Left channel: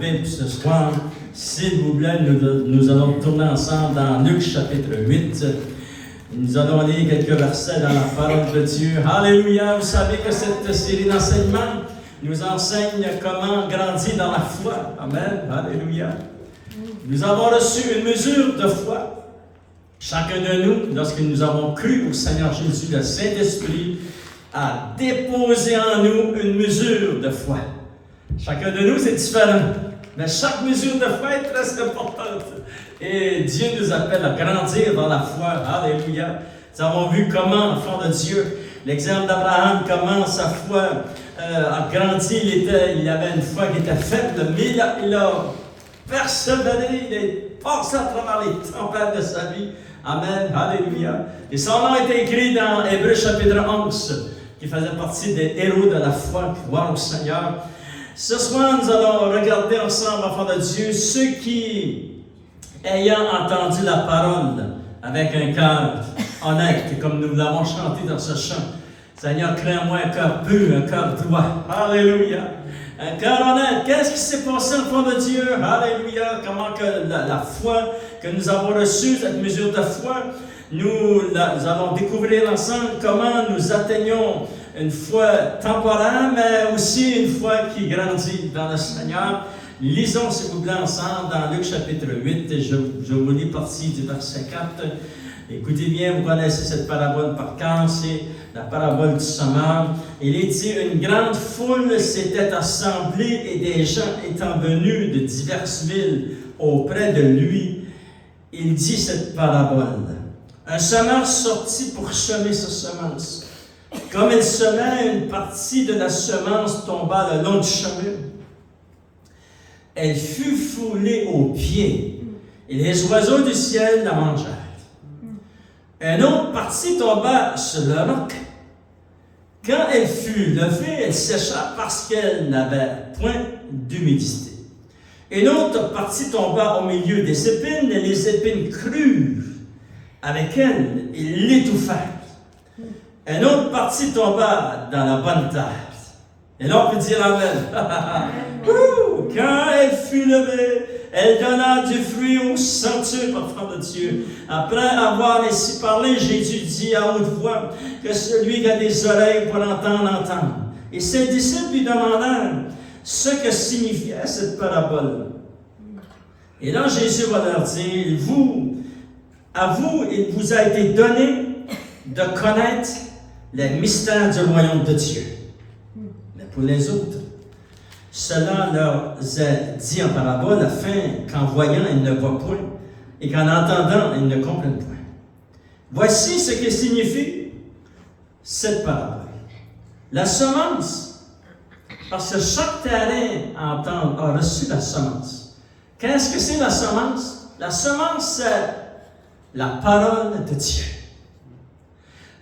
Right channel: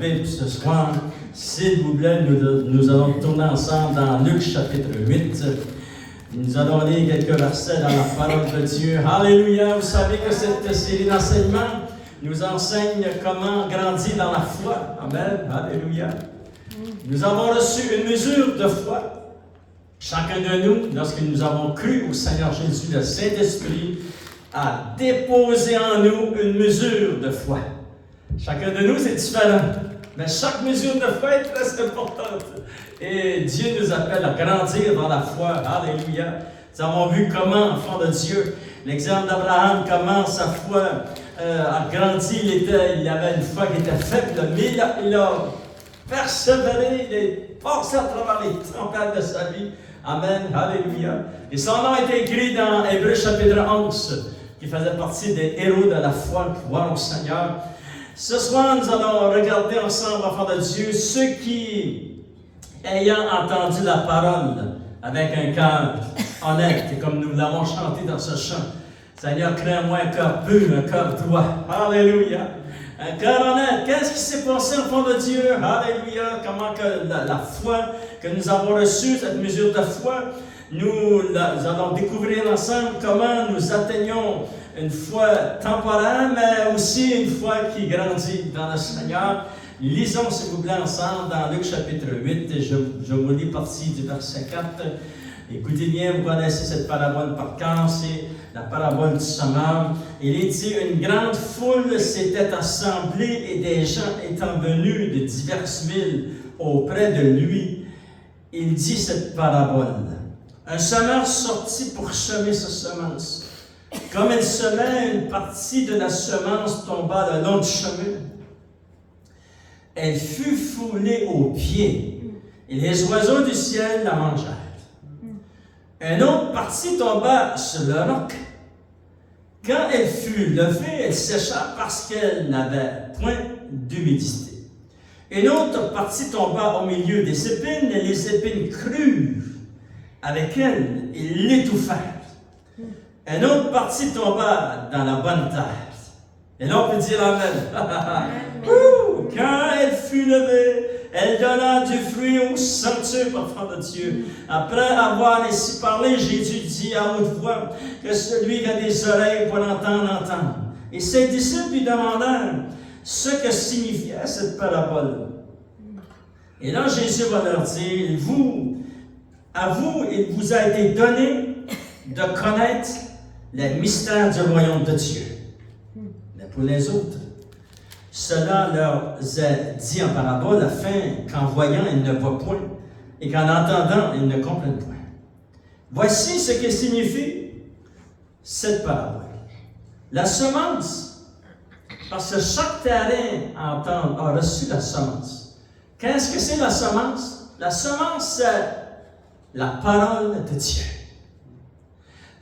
Bible ce soir. S'il vous plaît, nous allons tourner ensemble dans Luc chapitre 8. Nous allons lire quelques versets dans la parole de Dieu. Alléluia! Vous savez que cette série d'enseignements nous enseigne comment grandir dans la foi. Amen. Alléluia. Nous avons reçu une mesure de foi. Chacun de nous, lorsque nous avons cru au Seigneur Jésus, le Saint-Esprit a déposé en nous une mesure de foi. Chacun de nous, c'est différent. Mais chaque mesure de foi est très importante. Et Dieu nous appelle à grandir dans la foi. Alléluia. Nous avons vu comment, enfant de Dieu, l'exemple d'Abraham, comment sa foi a grandi. Il avait une foi qui était faible, mais il a persévéré, il est passé à travers les tempêtes de sa vie. Amen. Alléluia. Et son nom est écrit dans Hébreux chapitre 11, qui faisait partie des héros de la foi, gloire au Seigneur. Ce soir, nous allons regarder ensemble, enfants de Dieu, ceux qui, ayant entendu la parole avec un cœur honnête, comme nous l'avons chanté dans ce chant, Seigneur, crée en moi un cœur pur, un cœur droit. Alléluia. Un cœur honnête. Qu'est-ce qui s'est passé, enfants de Dieu? Alléluia. Comment que la foi que nous avons reçue, cette mesure de foi, nous allons découvrir ensemble comment nous atteignons une foi temporaire, mais aussi une foi qui grandit dans le Seigneur. Lisons, s'il vous plaît, ensemble dans Luc chapitre 8, et je vous lis partie du verset 4. Écoutez bien, vous connaissez cette parabole par cœur, c'est la parabole du semeur. Il est dit, une grande foule s'était assemblée et des gens étant venus de diverses villes auprès de lui, il dit cette parabole. Un semeur sortit pour semer sa semence. Comme il semait, une partie de la semence tomba le long du chemin. Elle fut foulée aux pieds, et les oiseaux du ciel la mangèrent. Une autre partie tomba sur le roc. Quand elle fut levée, elle sécha parce qu'elle n'avait point d'humidité. Une autre partie tomba au milieu des épines, et les épines crurent avec elle et l'étouffèrent. Une autre partie tomba dans la bonne terre. Et là, on peut dire Amen. Quand elle fut levée, elle donna du fruit au centuple, enfant de Dieu. Après avoir ainsi parlé, Jésus dit à haute voix que celui qui a des oreilles pour entendre, entende. Et ses disciples lui demandèrent ce que signifiait cette parabole. Et là, Jésus va leur dire, à vous, il vous a été donné de connaître les mystères du royaume de Dieu. Mais pour les autres, cela leur est dit en parabole, afin qu'en voyant, ils ne voient point, et qu'en entendant, ils ne comprennent point. Voici ce que signifie cette parabole. La semence, parce que chaque terrain a reçu la semence. Qu'est-ce que c'est la semence? La semence, c'est la parole de Dieu.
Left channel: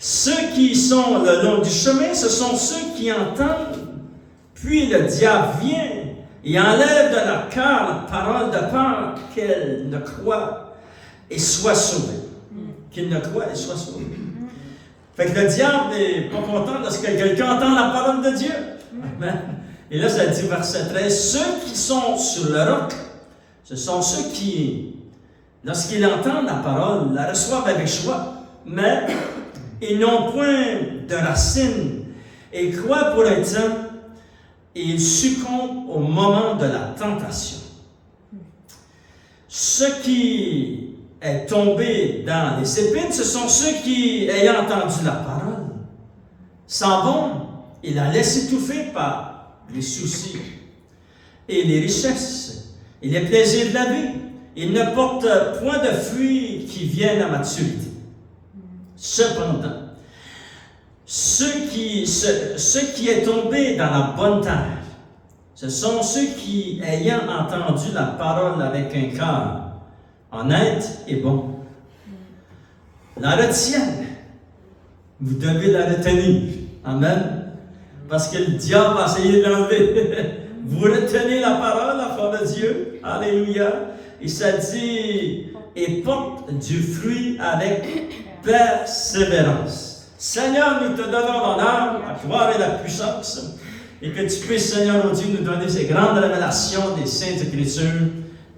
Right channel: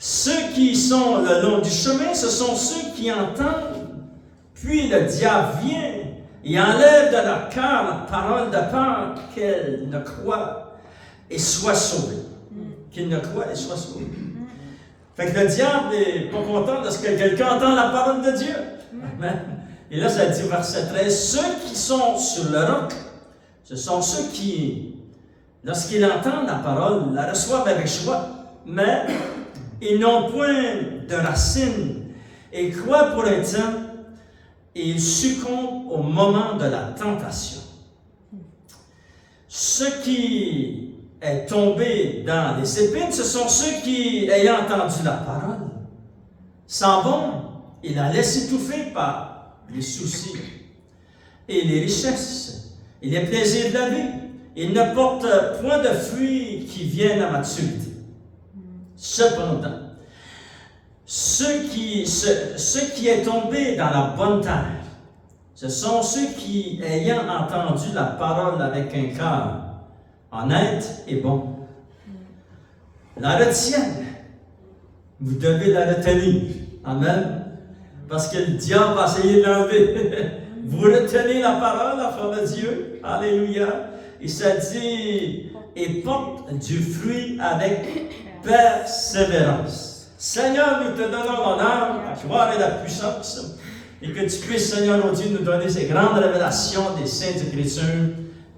Ceux qui sont le long du chemin, ce sont ceux qui entendent, puis le diable vient et enlève de leur cœur la parole de peur qu'elle ne croit et soit sauvée. Qu'il ne croit et soit sauvé. Fait que le diable n'est pas content de ce que quelqu'un entend la parole de Dieu. Amen. Et là, ça dit verset 13, ceux qui sont sur le roc, ce sont ceux qui, lorsqu'ils entendent la parole, la reçoivent avec joie, mais ils n'ont point de racines et croient pour un temps et ils succombent au moment de la tentation. Ce qui est tombé dans les épines, ce sont ceux qui, ayant entendu la parole, s'en vont et la laissent étouffer par les soucis et les richesses et les plaisirs de la vie. Ils ne portent point de fruits qui viennent à maturité. Cependant, ce qui est tombé dans la bonne terre, ce sont ceux qui, ayant entendu la parole avec un cœur honnête et bon, la retiennent. Vous devez la retenir. Amen. Parce que le diable va essayer de l'enlever. Vous retenez la parole, enfant de Dieu. Alléluia. Et ça dit, et porte du fruit avec persévérance. Seigneur, nous te donnons l'honneur, la gloire et la puissance. et que tu puisses, Seigneur, oh Dieu, nous donner ces grandes révélations des Saintes Écritures.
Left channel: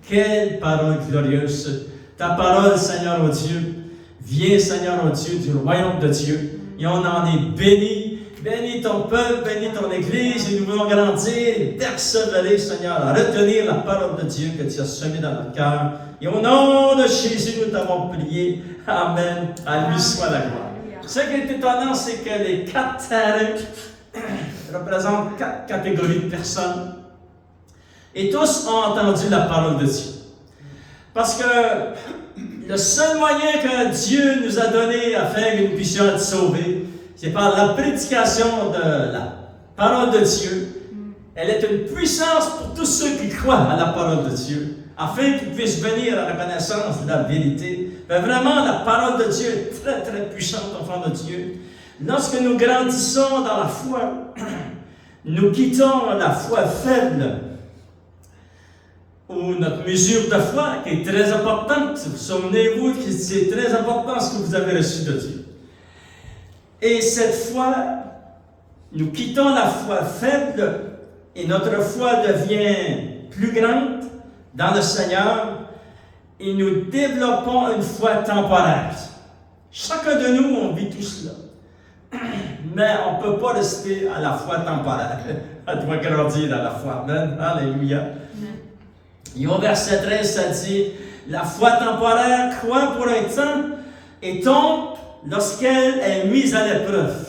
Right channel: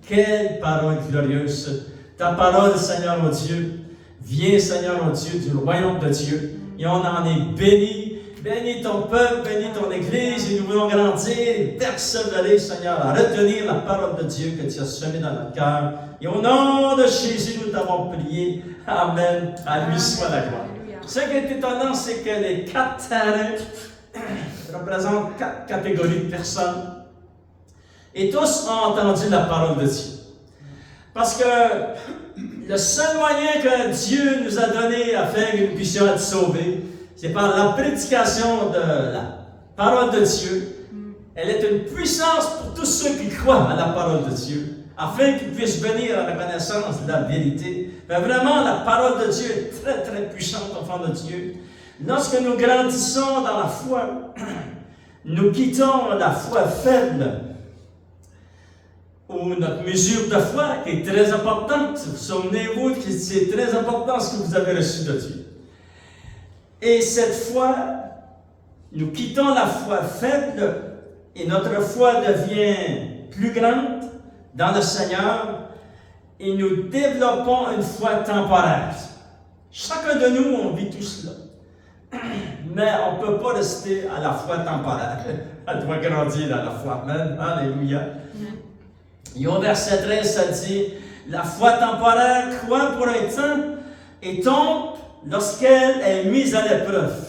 Quelle parole glorieuse! Ta parole, Seigneur, oh Dieu, vient, Seigneur, oh Dieu, du royaume de Dieu, et on en est béni. Bénis ton peuple, bénis ton Église, et nous voulons grandir et persévérer, Seigneur, à retenir la parole de Dieu que tu as semée dans notre cœur. Et au nom de Jésus, nous t'avons prié. Amen. À lui soit la gloire. Ce qui est étonnant, c'est que les 4 terrains représentent 4 catégories de personnes. Et tous ont entendu la parole de Dieu. Parce que le seul moyen que Dieu nous a donné afin que nous puissions être sauvés, c'est par la prédication de la parole de Dieu. Elle est une puissance pour tous ceux qui croient à la parole de Dieu, afin qu'ils puissent venir à la connaissance de la vérité. Mais vraiment, la parole de Dieu est très, très puissante, enfants de Dieu. Lorsque nous grandissons dans la foi, nous quittons la foi faible, ou notre mesure de foi, qui est très importante. Souvenez-vous que c'est très important ce que vous avez reçu de Dieu. Et cette foi, nous quittons la foi faible et notre foi devient plus grande dans le Seigneur et nous développons une foi temporaire. Chacun de nous, on vit tout cela. Mais on ne peut pas rester à la foi temporaire. Elle doit grandir dans la foi. Amen. Alléluia. Et au verset 13, ça dit, la foi temporaire croit pour un temps et tombe lorsqu'elle est mise à l'épreuve.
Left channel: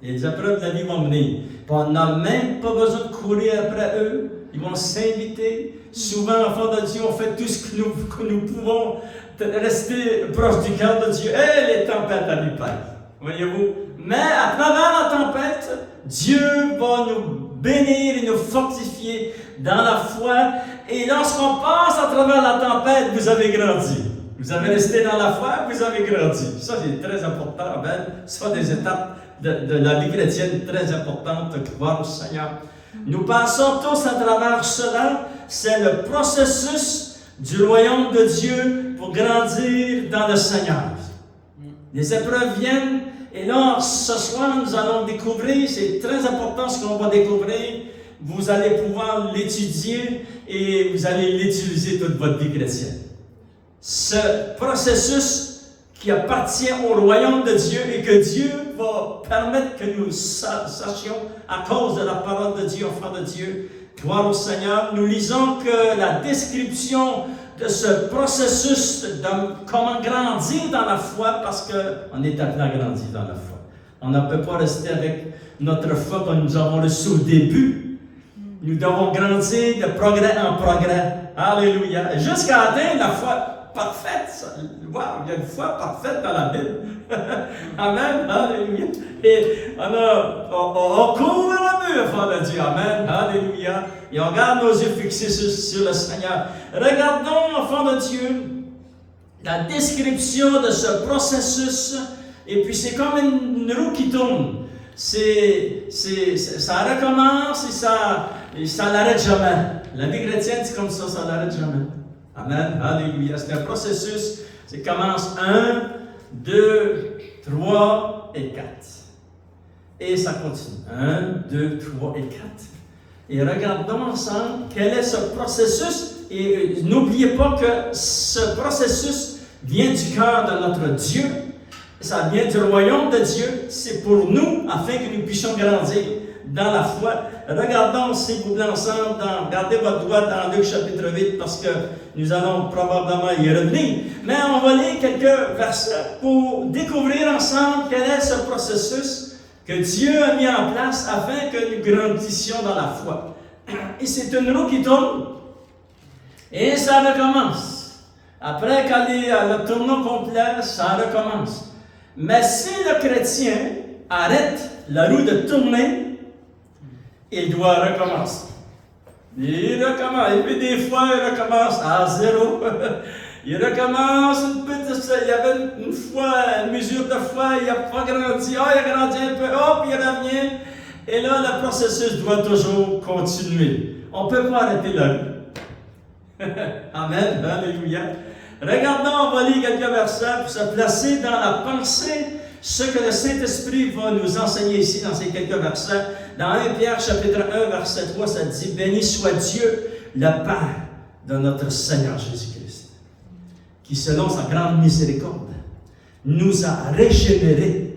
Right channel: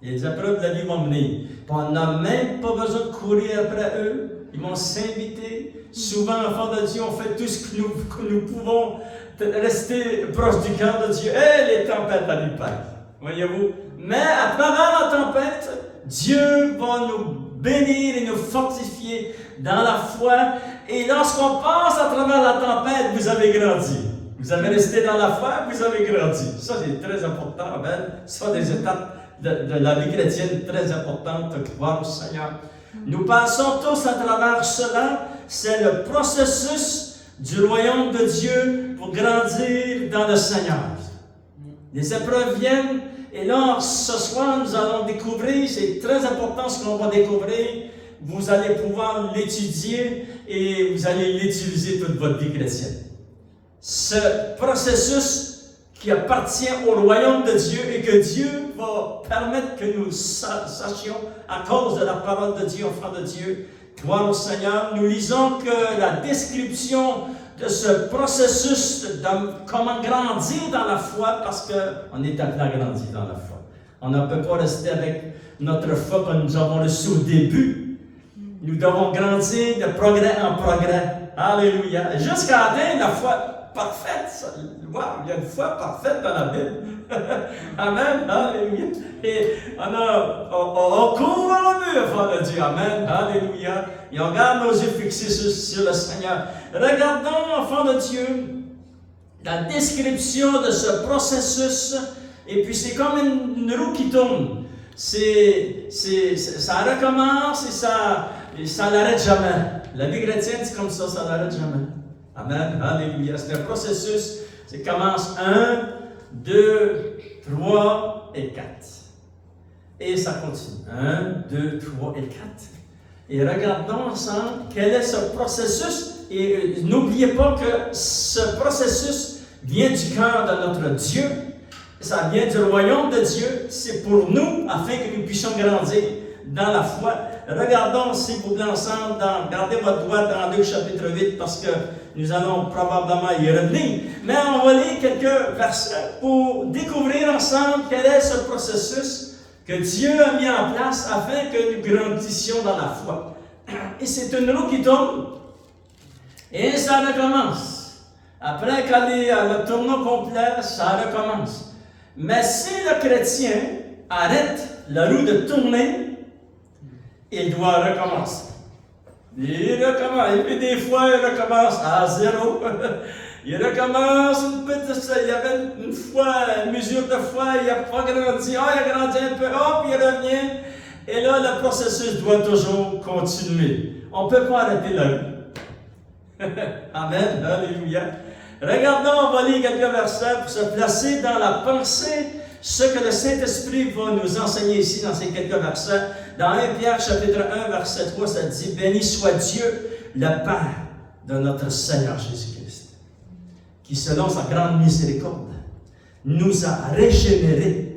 Les épreuves de la vie vont venir. On n'a même pas besoin de courir après eux. Ils vont s'inviter. Souvent, enfants de Dieu, on fait tout ce que nous pouvons rester proche du cœur de Dieu. Et les tempêtes à lui perdre. Voyez-vous? Mais à travers la tempête, Dieu va nous bénir et nous fortifier dans la foi. Et lorsqu'on passe à travers la tempête, vous avez grandi. Vous avez resté dans la foi, vous avez grandi. Ça, c'est très important. Amen. Ce sont des étapes de la vie chrétienne très importantes. Gloire au Seigneur. Nous passons tous à travers cela. C'est le processus du royaume de Dieu pour grandir dans le Seigneur. Les épreuves viennent. Et là, ce soir, nous allons découvrir, c'est très important ce qu'on va découvrir. Vous allez pouvoir l'étudier et vous allez l'utiliser toute votre vie chrétienne. Ce processus qui appartient au royaume de Dieu et que Dieu va permettre que nous sachions à cause de la parole de Dieu, enfants de Dieu. Gloire au Seigneur. Nous lisons que la description de ce processus de comment grandir dans la foi, parce qu'on est appelé à grandir dans la foi. On ne peut pas rester avec notre foi que nous avons reçue au début. Nous devons grandir de progrès en progrès. Alléluia. Jusqu'à atteindre la foi parfaite. Wow, il y a une foi parfaite dans la Bible. Amen. Alléluia. Et on court vers le mur, enfants de Dieu. Amen. Alléluia. Et on garde nos yeux fixés sur le Seigneur. Regardons, enfants de Dieu, la description de ce processus. Et puis c'est comme une roue qui tourne. Ça recommence et ça n'arrête jamais. La vie chrétienne, c'est comme ça n'arrête jamais. Amen. Alléluia. C'est un processus. Ça commence 1, 2, 3 et 4. Et ça continue. 1, 2, 3 et 4. Et regardons ensemble quel est ce processus. Et n'oubliez pas que ce processus vient du cœur de notre Dieu. Ça vient du royaume de Dieu. C'est pour nous, afin que nous puissions grandir dans la foi. Regardons, s'il vous plaît, ensemble, gardez votre doigt dans Luc chapitre 8, parce que nous allons probablement y revenir. Mais on va lire quelques versets pour découvrir ensemble quel est ce processus que Dieu a mis en place afin que nous grandissions dans la foi. Et c'est une roue qui tourne, et ça recommence. Après qu'elle a le tournant complet, ça recommence. Mais si le chrétien arrête la roue de tourner, il doit recommencer. Il recommence. Et puis des fois, il recommence à 0. Il recommence une petite. Il y avait une fois, une mesure de foi, il n'a pas grandi. Il a grandi un peu, hop, il revient. Et là, le processus doit toujours continuer. On ne peut pas arrêter la roue. Amen. Alléluia. Regardons, on va lire quelques versets pour se placer dans la pensée, ce que le Saint-Esprit va nous enseigner ici dans ces quelques versets. Dans 1 Pierre chapitre 1, verset 3, ça dit « Béni soit Dieu, le Père de notre Seigneur Jésus-Christ, qui selon sa grande miséricorde nous a régénérés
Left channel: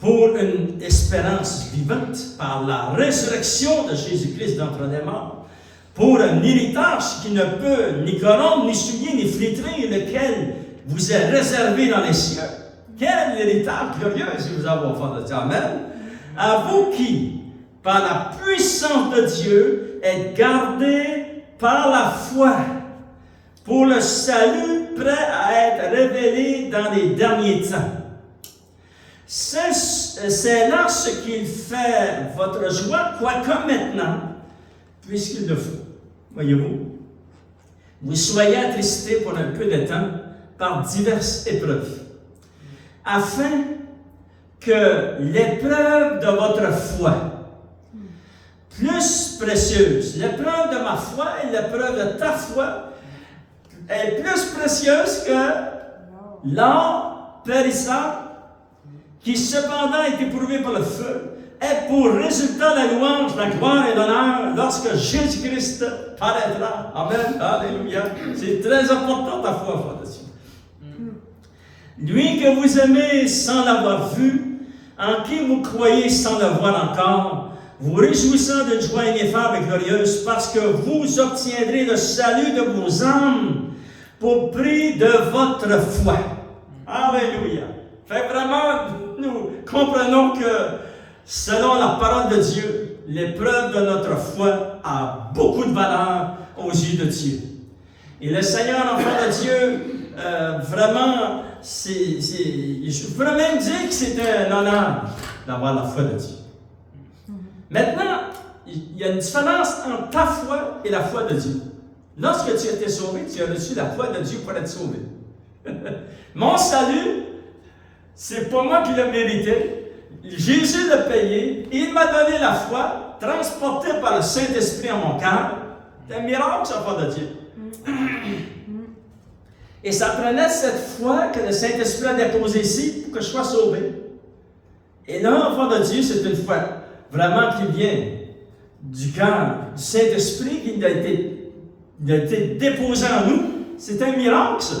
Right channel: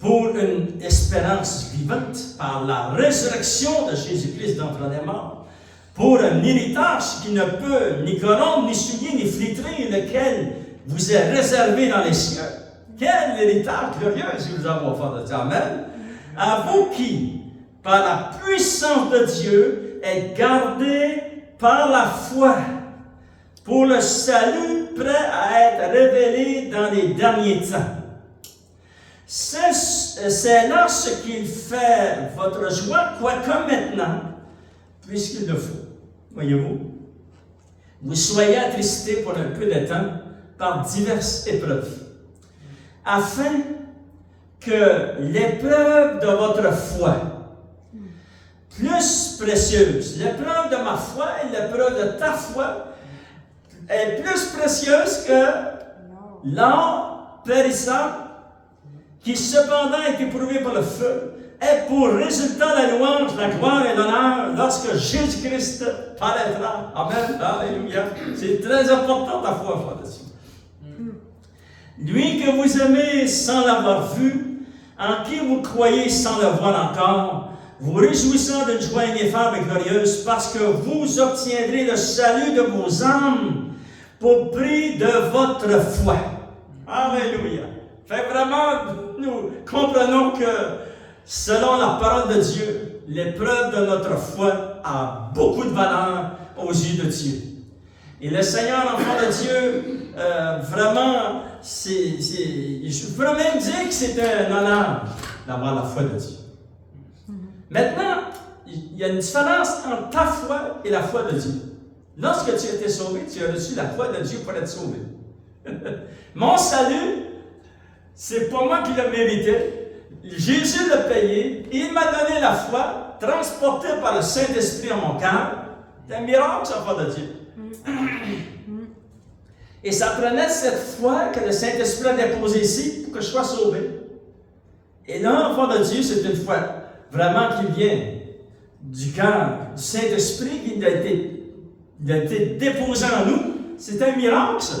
pour une espérance vivante par la résurrection de Jésus-Christ d'entre les morts, pour un héritage qui ne peut ni corrompre, ni souiller, ni flétrer, lequel vous est réservé dans les cieux. » Quel héritage glorieux si vous avez offert de Dieu. Amen. À vous qui, par la puissance de Dieu, êtes gardés par la foi pour le salut prêt à être révélé dans les derniers temps. C'est là ce qu'il fait votre joie, quoique maintenant, puisqu'il le faut. Voyez-vous, vous soyez attristés pour un peu de temps par diverses épreuves, afin que l'épreuve de votre foi, plus précieuse, l'épreuve de ma foi et l'épreuve de ta foi, est plus précieuse que l'or périssable, qui cependant est éprouvé par le feu, est pour résultat la louange, la gloire et l'honneur lorsque Jésus-Christ paraîtra. Amen. Alléluia. C'est très important ta foi, frère dessus. Lui que vous aimez sans l'avoir vu, en qui vous croyez sans le voir encore, vous réjouissant d'une joie ineffable et glorieuse, parce que vous obtiendrez le salut de vos âmes pour prix de votre foi. Alléluia. Fait vraiment, nous comprenons que selon la parole de Dieu, l'épreuve de notre foi a beaucoup de valeur aux yeux de Dieu. Et le Seigneur, enfant de Dieu, vraiment, je pourrais même dire que c'est un honneur d'avoir la foi de Dieu. Maintenant, il y a une différence entre ta foi et la foi de Dieu. Lorsque tu as été sauvé, tu as reçu la foi de Dieu pour être sauvé. Mon salut, c'est pas moi qui l'ai mérité. Jésus l'a payé. Il m'a donné la foi, transportée par le Saint-Esprit en mon cœur. C'est un miracle, ça, foi de Dieu. Et ça prenait cette foi que le Saint-Esprit a déposée ici pour que je sois sauvé. Et là, enfant de Dieu, c'est une foi vraiment qui vient du cœur, du Saint-Esprit qui a été déposé en nous. C'est un miracle, ça.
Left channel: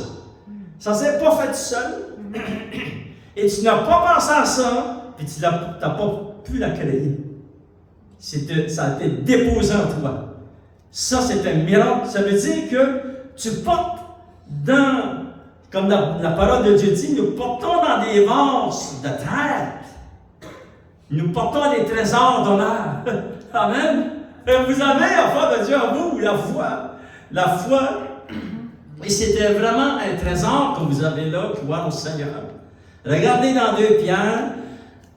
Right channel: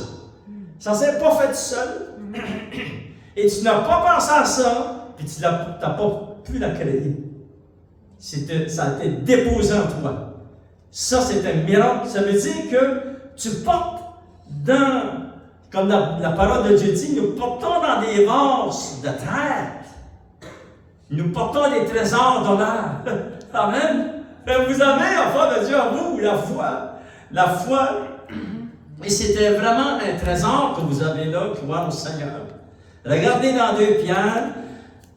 Ça ne s'est pas fait tout seul. Et tu n'as pas pensé à ça, puis tu n'as pas pu la créer. Ça a été déposé en toi. Ça, c'est un miracle. Ça veut dire que tu portes comme la parole de Dieu dit, nous portons dans des vases de terre. Nous portons des trésors d'honneur. Amen. Et vous avez, enfant de Dieu, en vous, la foi. La foi. Et c'était vraiment un trésor que vous avez là, gloire au Seigneur. Regardez dans 2 Pierre,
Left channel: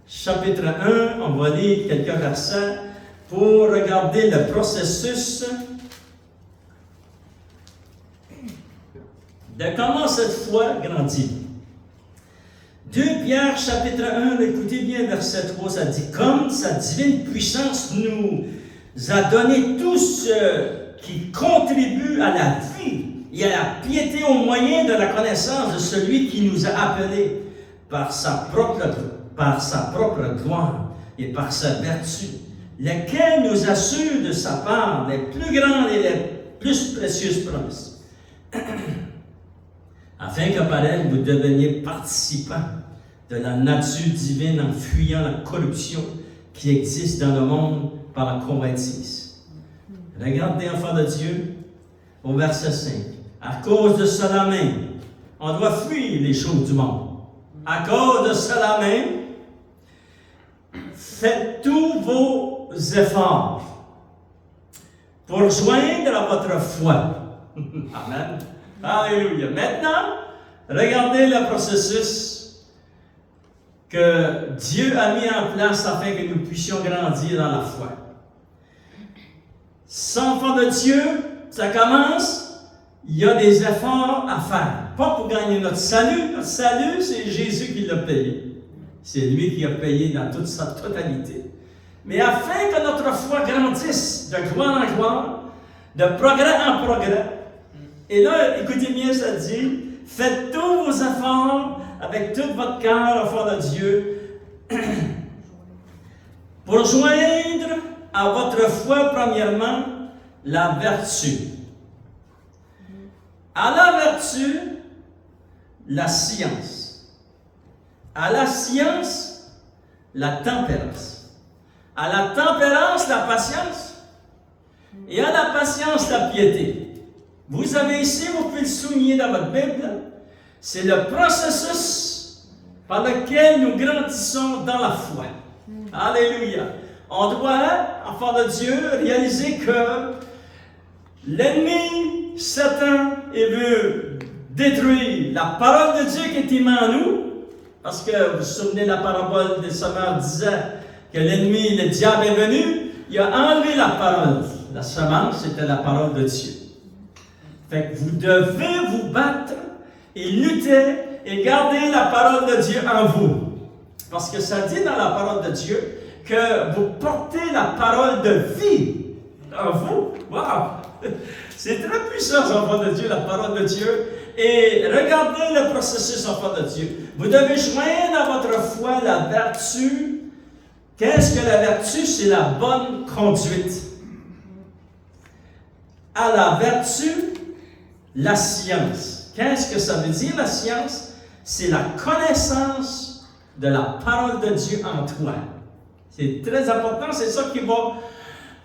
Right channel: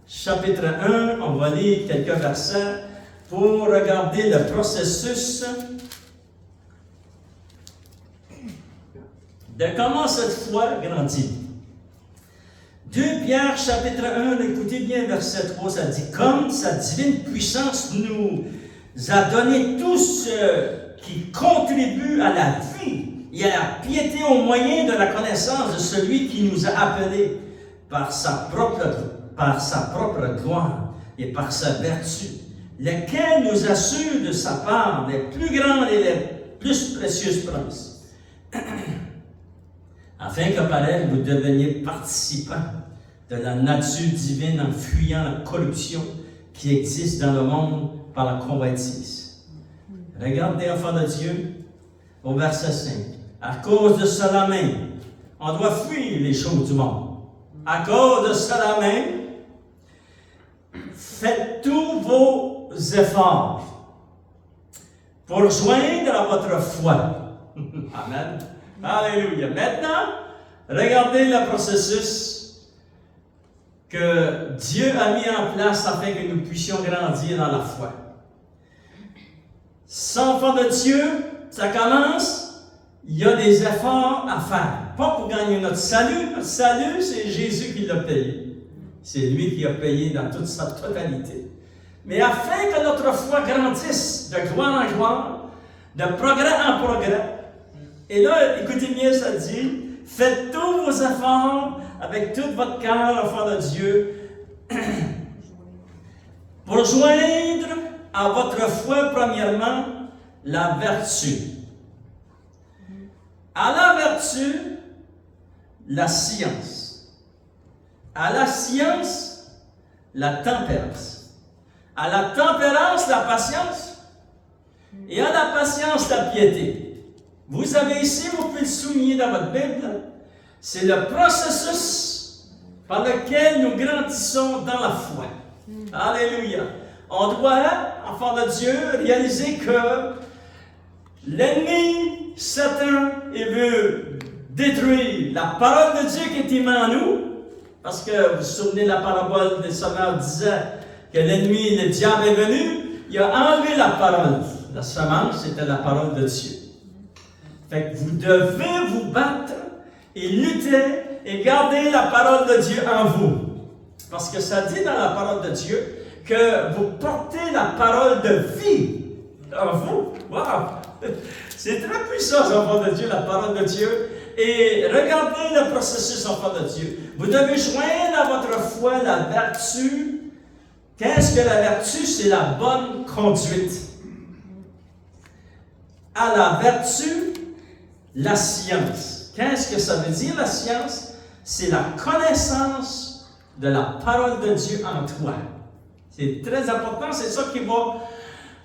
chapitre 1, on va lire quelques versets pour regarder le processus de comment cette foi grandit. 2 Pierre, chapitre 1, écoutez bien verset 3, ça dit « Comme sa divine puissance nous a donné tout ce qui contribue à la vie et à la piété au moyen de la connaissance de celui qui nous a appelés par sa propre gloire et par sa vertu, lequel nous assure de sa part les plus grandes et les plus précieuses promesses, afin que par elle vous deveniez participants de la nature divine en fuyant la corruption qui existe dans le monde par la convoitise. Regardez, enfants de Dieu, au verset 5. À cause de cela même, on doit fuir les choses du monde. À cause de cela même, faites tous vos efforts pour joindre à votre foi. Amen. Alléluia. Maintenant, regardez le processus que Dieu a mis en place afin que nous puissions grandir dans la foi. Sans foi de Dieu, ça commence, il y a des efforts à faire. Pas pour gagner notre salut. Notre salut, c'est Jésus qui l'a payé. C'est lui qui a payé dans toute sa totalité. Mais afin que notre foi grandisse de gloire en gloire, de progrès en progrès, et là, écoutez bien, ça dit, faites tous vos efforts avec tout votre cœur, enfant de Dieu, pour joindre à votre foi, premièrement, la vertu. À la vertu, la science. À la science, la tempérance. À la tempérance, la patience. Et à la patience, la piété. Vous avez ici, vous pouvez le souligner dans votre Bible, c'est le processus par lequel nous grandissons dans la foi. Alléluia. On doit, enfant de Dieu, réaliser que l'ennemi, Satan, il veut détruire la parole de Dieu qui est mise en nous. Parce que vous vous souvenez de la parabole des semeurs disant que l'ennemi, le diable est venu, il a enlevé la parole. La semence, c'était la parole de Dieu. Fait que vous devez vous battre et lutter et garder la parole de Dieu en vous. Parce que ça dit dans la parole de Dieu que vous portez la parole de vie en vous. Wow! C'est très puissant, enfant de Dieu, la parole de Dieu. Et regardez le processus, enfant de Dieu. Vous devez joindre à votre foi la vertu. Qu'est-ce que la vertu? C'est la bonne conduite. À la vertu, la science. Qu'est-ce que ça veut dire, la science? C'est la connaissance de la parole de Dieu en toi. C'est très important, c'est ça qui va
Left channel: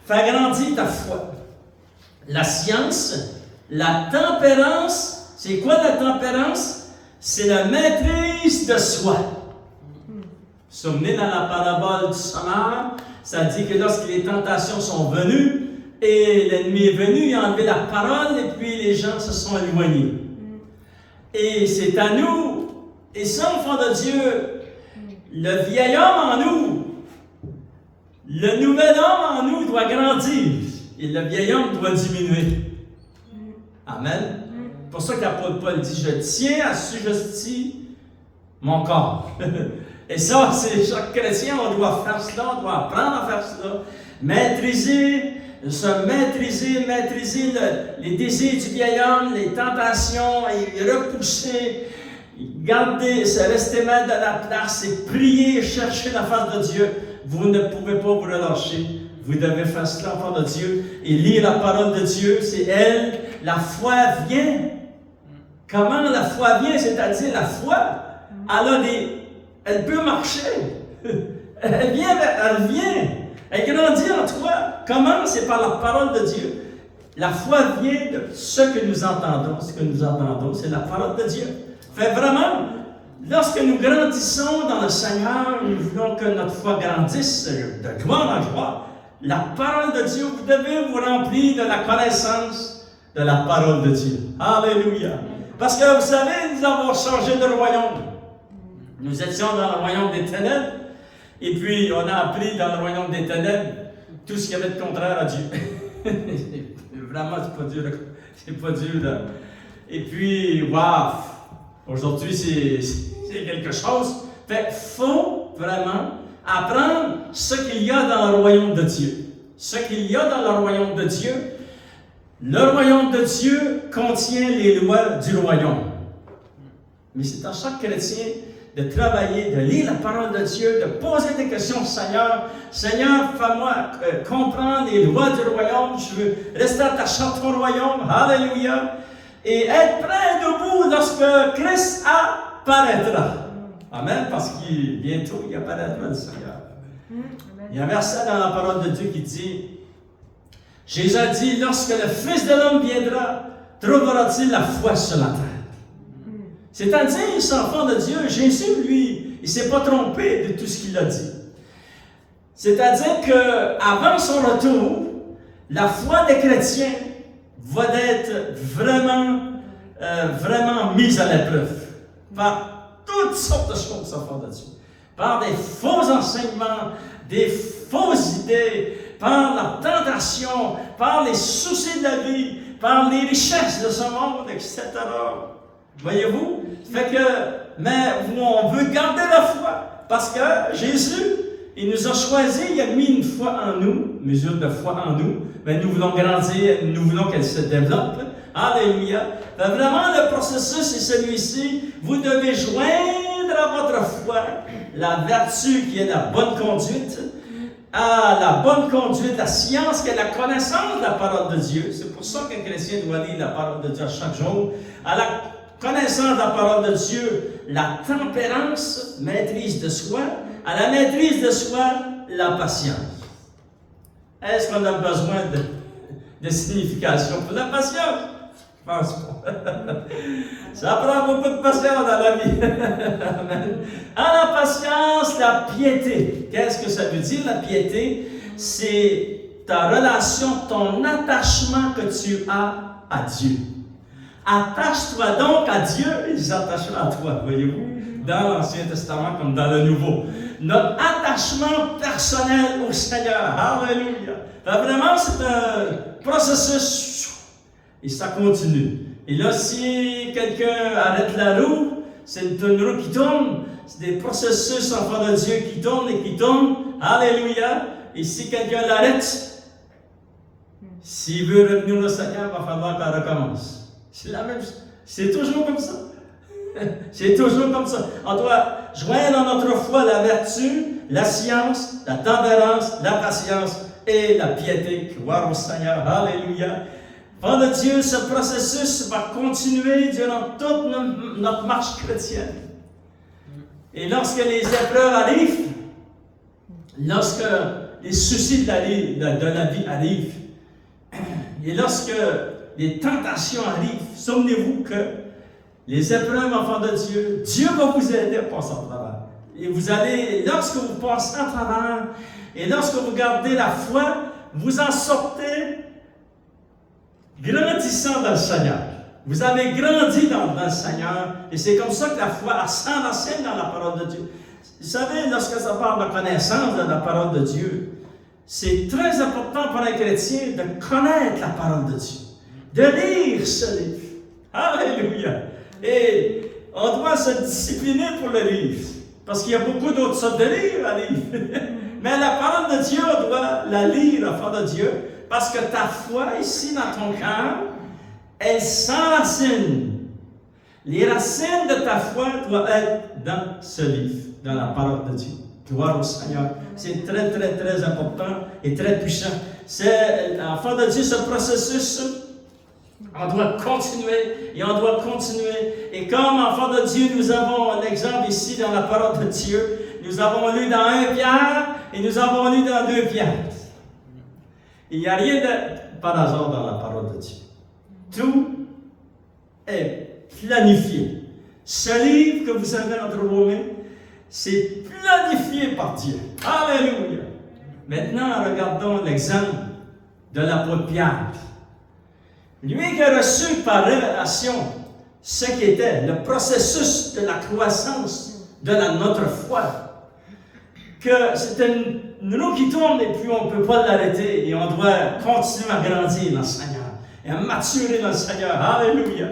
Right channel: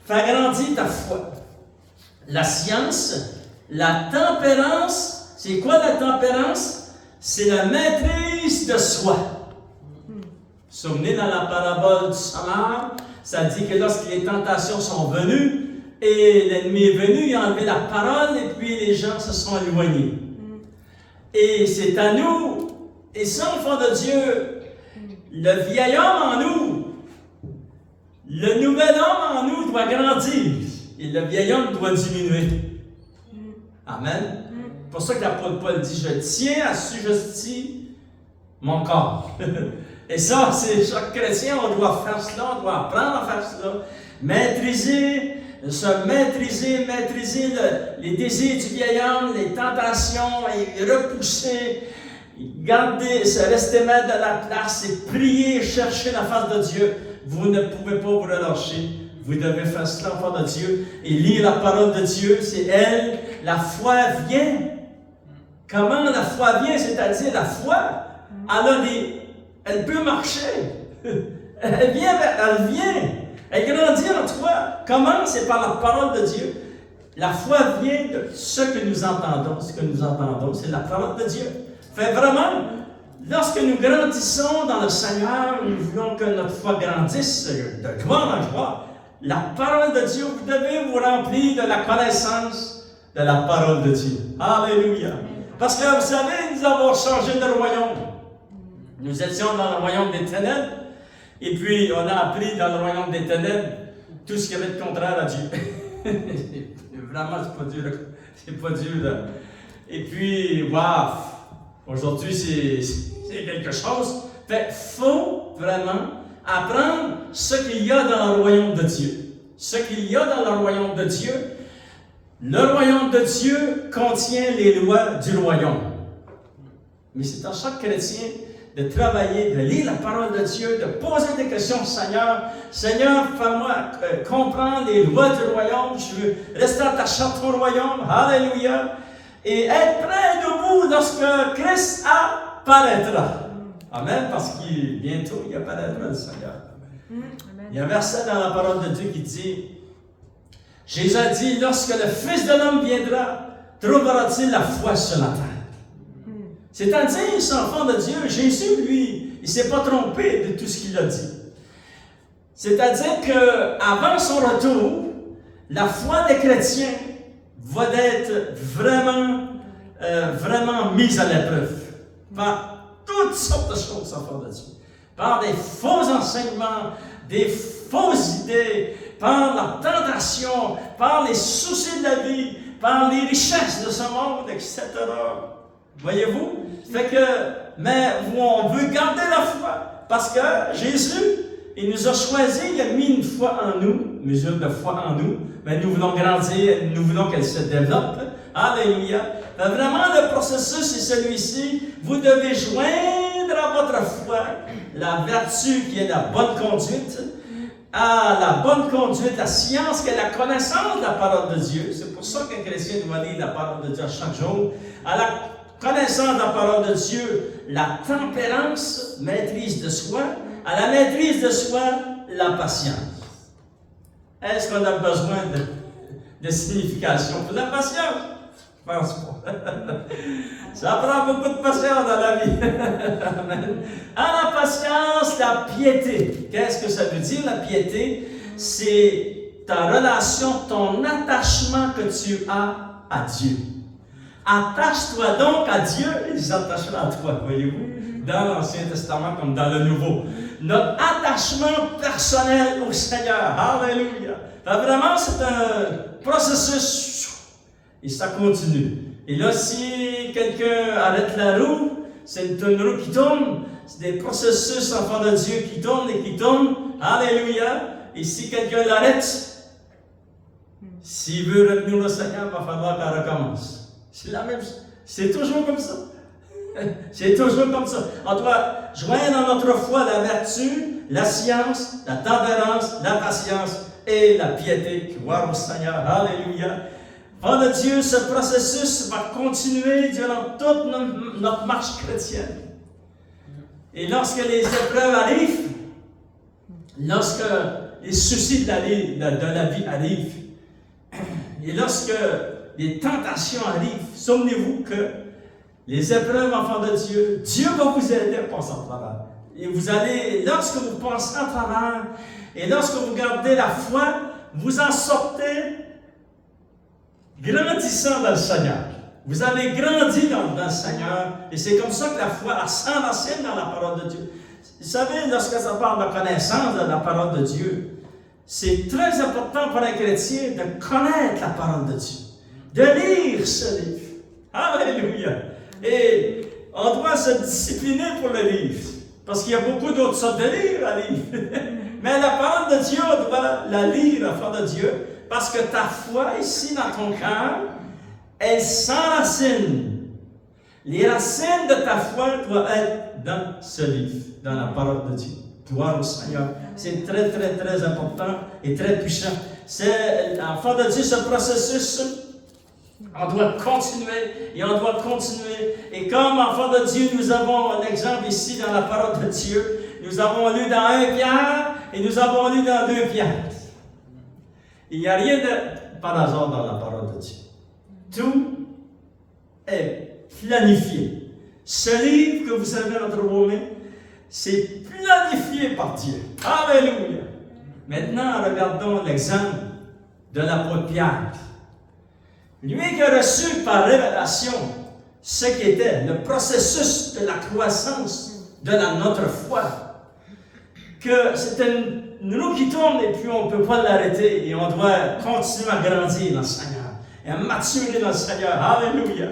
faire grandir ta foi. La science, la tempérance, c'est quoi la tempérance? C'est la maîtrise de soi. Vous vous souvenez dans la parabole du semeur, ça dit que lorsque les tentations sont venues, et l'ennemi est venu, il a enlevé la parole, et puis les gens se sont éloignés. Et c'est à nous, et ça, enfant de Dieu, le vieil homme en nous, le nouvel homme en nous doit grandir, et le vieil homme doit diminuer. Amen. C'est pour ça que l'apôtre Paul dit, je tiens à assujettir mon corps. Et ça, c'est chaque chrétien, on doit faire cela, on doit apprendre à faire cela, maîtriser les désirs du vieil homme, les tentations, et repousser, garder, se rester maître de la place et prier, chercher la face de Dieu. Vous ne pouvez pas vous relâcher. Vous devez faire cela, enfant de Dieu, et lire la parole de Dieu. C'est elle, la foi vient. Comment la foi vient? C'est-à-dire la foi, elle peut marcher. Elle vient. Elle grandit en toi. Comment? C'est par la parole de Dieu. La foi vient de ce que nous entendons. Ce que nous entendons, c'est la parole de Dieu. Fait vraiment, lorsque nous grandissons dans le Seigneur, nous voulons que notre foi grandisse de gloire en gloire. La parole de Dieu, vous devez vous remplir de la connaissance de la parole de Dieu. Alléluia. Parce que vous savez, nous avons changé de royaume. Nous étions dans le royaume des ténèbres. Et puis, on a appris dans le royaume des ténèbres tout ce qui avait de contraire à Dieu. Vraiment, c'est pas dur. Là. Et puis, waouh! Aujourd'hui, c'est quelque chose. Fait qu'il faut vraiment apprendre ce qu'il y a dans le royaume de Dieu. Ce qu'il y a dans le royaume de Dieu. Le royaume de Dieu contient les lois du royaume. Mais c'est à chaque chrétien de travailler, de lire la parole de Dieu, de poser des questions au Seigneur. Seigneur, fais-moi comprendre les lois du royaume. Je veux rester attaché à ton royaume. Alléluia. Et être prêt debout lorsque Christ apparaîtra. Amen. Parce qu'il bientôt, il apparaîtra le Seigneur. Il y a un verset dans la parole de Dieu qui dit, Jésus a dit, lorsque le Fils de l'homme viendra, trouvera-t-il la foi sur la terre? C'est-à-dire, cet enfant de Dieu, Jésus, lui, il ne s'est pas trompé de tout ce qu'il a dit. C'est-à-dire qu'avant son retour, la foi des chrétiens va être vraiment mise à l'épreuve par toutes sortes de choses, enfant de Dieu. Par des faux enseignements, des fausses idées, par la tentation, par les soucis de la vie, par les richesses de ce monde, etc. Voyez-vous? Fait que, mais on veut garder la foi, parce que Jésus, il nous a choisis, il a mis une foi en nous, mesure de foi en nous, mais nous voulons grandir, nous voulons qu'elle se développe. Alléluia. Fait vraiment, le processus est celui-ci. Vous devez joindre à votre foi la vertu qui est la bonne conduite, à la bonne conduite, la science, qui est la connaissance de la parole de Dieu. C'est pour ça qu'un chrétien doit lire la parole de Dieu chaque jour. À la connaissance de la parole de Dieu, la tempérance, maîtrise de soi. À la maîtrise de soi, la patience. Est-ce qu'on a besoin de signification pour la patience? Je pense pas. Ça prend beaucoup de patience dans la vie. À la patience, la piété. Qu'est-ce que ça veut dire, la piété? C'est ta relation, ton attachement que tu as à Dieu. Attache-toi donc à Dieu et il s'attachera à toi, voyez-vous, dans l'Ancien Testament comme dans le Nouveau. Notre attachement personnel au Seigneur. Alléluia. Vraiment, c'est un processus et ça continue. Et là, si quelqu'un arrête la roue, c'est une roue qui tourne. C'est des processus, enfants de Dieu, qui tournent et qui tournent. Alléluia. Et si quelqu'un l'arrête, s'il veut retenir le Seigneur, il va falloir qu'elle recommence. C'est la même chose. C'est toujours comme ça. C'est toujours comme ça. On doit joindre dans notre foi la vertu, la science, la tempérance, la patience et la piété. Gloire au Seigneur. Alléluia. Enfants de Dieu, ce processus va continuer durant toute notre marche chrétienne. Et lorsque les épreuves arrivent, lorsque les soucis de la vie arrivent, et lorsque les tentations arrivent, souvenez-vous que les épreuves, enfants de Dieu, Dieu va vous aider à passer en travers. Et vous allez, lorsque vous passez en travers, et lorsque vous gardez la foi, vous en sortez grandissant dans le Seigneur. Vous avez grandi dans le Seigneur, et c'est comme ça que la foi s'enracine dans la parole de Dieu. Vous savez, lorsque ça parle de connaissance de la parole de Dieu, c'est très important pour un chrétien de connaître la parole de Dieu, de lire ce livre. Alléluia! Et on doit se discipliner pour le lire, parce qu'il y a beaucoup d'autres sortes de livres à lire. Mais la parole de Dieu, on doit la lire, enfant de Dieu, parce que ta foi, ici dans ton cœur, elle s'enracine. Les racines de ta foi doivent être dans ce livre, dans la parole de Dieu. Gloire au Seigneur. C'est très, très, très important et très puissant. C'est, enfant de Dieu, ce processus, on doit continuer et on doit continuer. Et comme enfant de Dieu, nous avons un exemple ici dans la parole de Dieu. Nous avons lu dans 1 Pierre et nous avons lu dans 2 Pierre. Il n'y a rien de par hasard dans la parole de Dieu. Tout est planifié. Ce livre que vous avez entre vos mains, c'est planifié par Dieu. Alléluia! Maintenant, regardons l'exemple de l'apôtre Pierre. Lui qui a reçu par révélation ce qu'était le processus de la croissance de notre foi. Que c'est une roue qui tourne et puis on ne peut pas l'arrêter et on doit continuer à grandir dans le Seigneur et à maturer dans le Seigneur. Alléluia!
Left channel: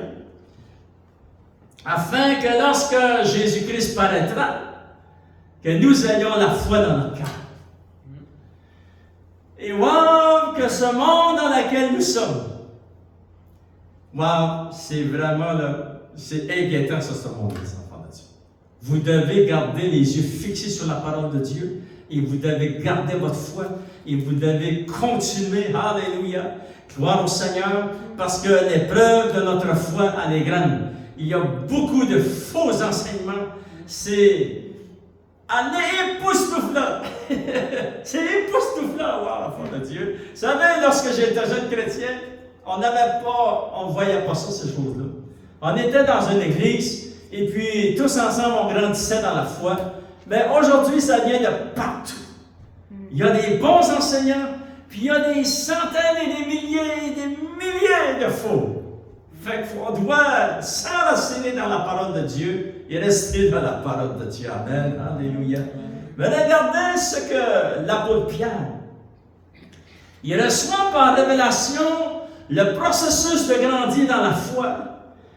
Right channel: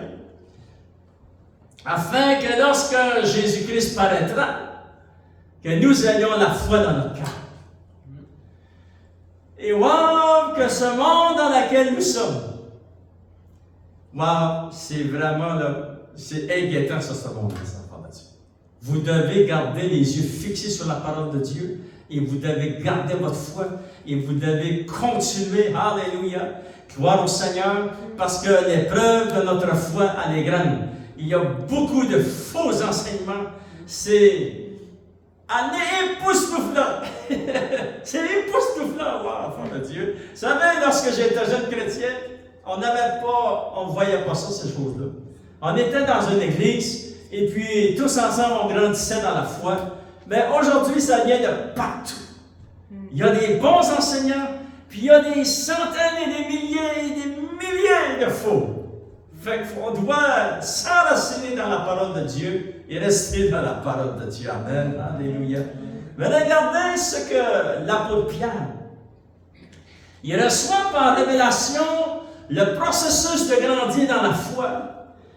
Afin que lorsque Jésus-Christ paraîtra, que nous ayons la foi dans notre cœur. Et wow, que ce monde dans lequel nous sommes, wow, c'est vraiment là, c'est inquiétant sur ce monde, les enfants de Dieu. Vous devez garder les yeux fixés sur la parole de Dieu et vous devez garder votre foi et vous devez continuer, alléluia, gloire au Seigneur, parce que l'épreuve de notre foi, elle est grande. Il y a beaucoup de faux enseignements. C'est époustouflant. C'est époustouflant, wow, enfant de Dieu. Vous savez, lorsque j'étais jeune chrétien, on ne voyait pas ça, ces choses-là. On était dans une église, et puis tous ensemble, on grandissait dans la foi. Mais aujourd'hui, ça vient de partout. Il y a des bons enseignants, puis il y a des centaines et des milliers de faux. Fait qu'on doit s'enraciner dans la parole de Dieu et rester dans la parole de Dieu. Amen. Alléluia. Mais regardez ce que l'apôtre Pierre, il reçoit par révélation le processus de grandir dans la foi,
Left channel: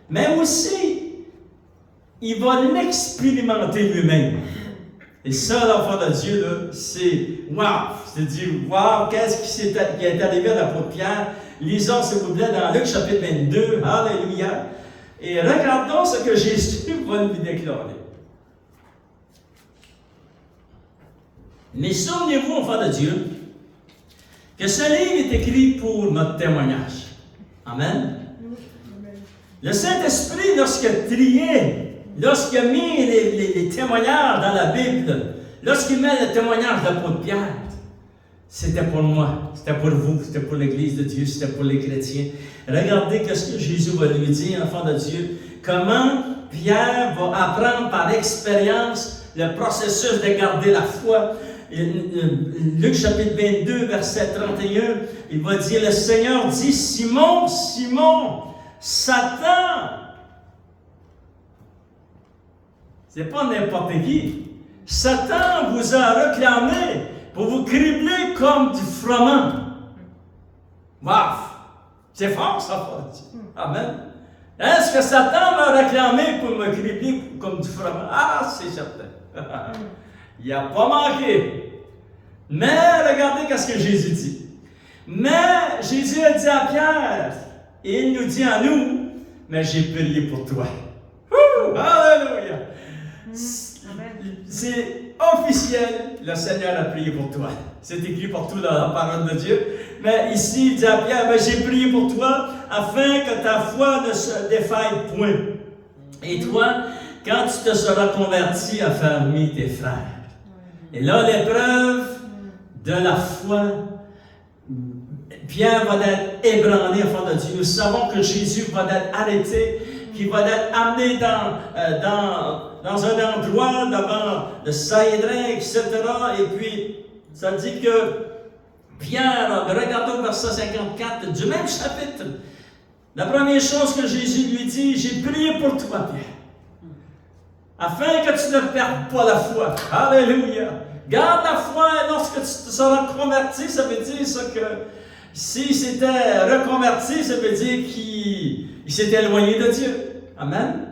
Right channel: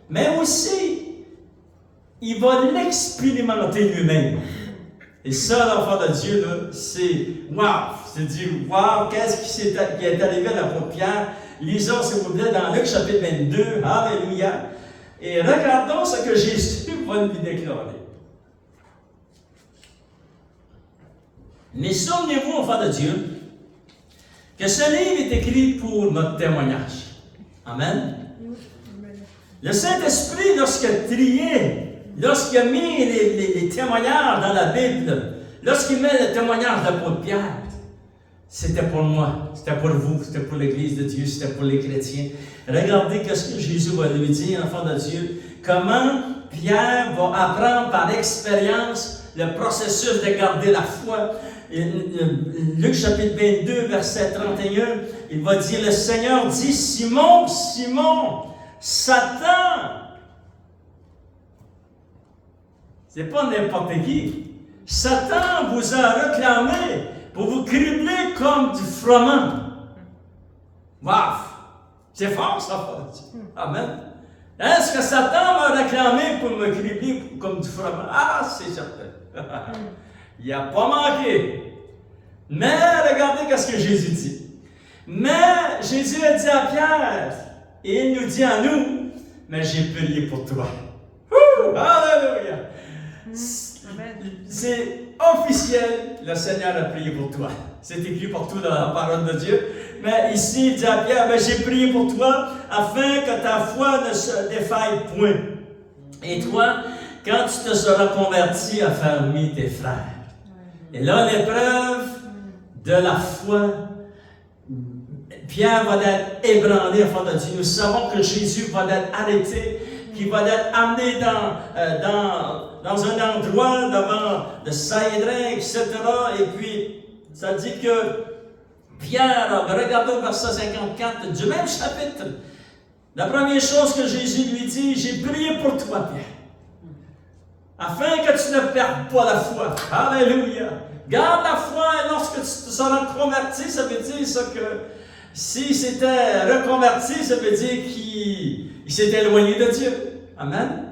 mais aussi, il va l'expérimenter lui-même. Et ça, l'enfant de Dieu, là, c'est wow! C'est dit, wow! Qu'est-ce qui est arrivé à l'apôtre Pierre? Lisons, s'il vous plaît, dans Luc chapitre 22. Alléluia! Et regardons ce que Jésus va lui déclarer. Mais souvenez-vous, enfants de Dieu, que ce livre est écrit pour notre témoignage. Amen. Le Saint-Esprit, lorsqu'il triait, lorsqu'il a mis les témoignages dans la Bible, lorsqu'il met le témoignage d'apôtre Pierre, c'était pour moi, c'était pour vous, c'était pour l'Église de Dieu, c'était pour les chrétiens. Regardez ce que Jésus va lui dire, enfant de Dieu, comment Pierre va apprendre par expérience le processus de garder la foi. Luc chapitre 22, verset 31, il va dire, le Seigneur dit, Simon, Simon, Satan, c'est pas n'importe qui, Satan vous a réclamé pour vous cribler comme du froment. Waouh! C'est fort ça. Amen. Est-ce que Satan m'a réclamé pour me cribler comme du froment? Ah, c'est certain. Il n'a pas manqué. Mais regardez ce que Jésus dit. Mais Jésus a dit à Pierre, et il nous dit à nous, mais j'ai prié pour toi. Alléluia! C'est officiel, le Seigneur a prié pour toi. C'est écrit partout dans la parole de Dieu. Mais ici, il dit à Pierre, mais j'ai prié pour toi afin que ta foi ne se défaille point. Et toi, quand tu te seras converti, affermis tes frères. Et là, l'épreuve de la foi, Pierre va être ébranlé, enfant de Dieu. Nous savons que Jésus va être arrêté, qu'il va être amené dans un endroit devant le Sanhédrin, etc. Et puis, ça dit que Pierre, regardez au verset 54 du même chapitre, la première chose que Jésus lui dit, j'ai prié pour toi, Pierre, afin que tu ne perdes pas la foi. Alléluia! Garde la foi, et lorsque tu seras converti, ça veut dire ça que s'il s'était reconverti, ça veut dire qu'il s'était éloigné de Dieu. Amen.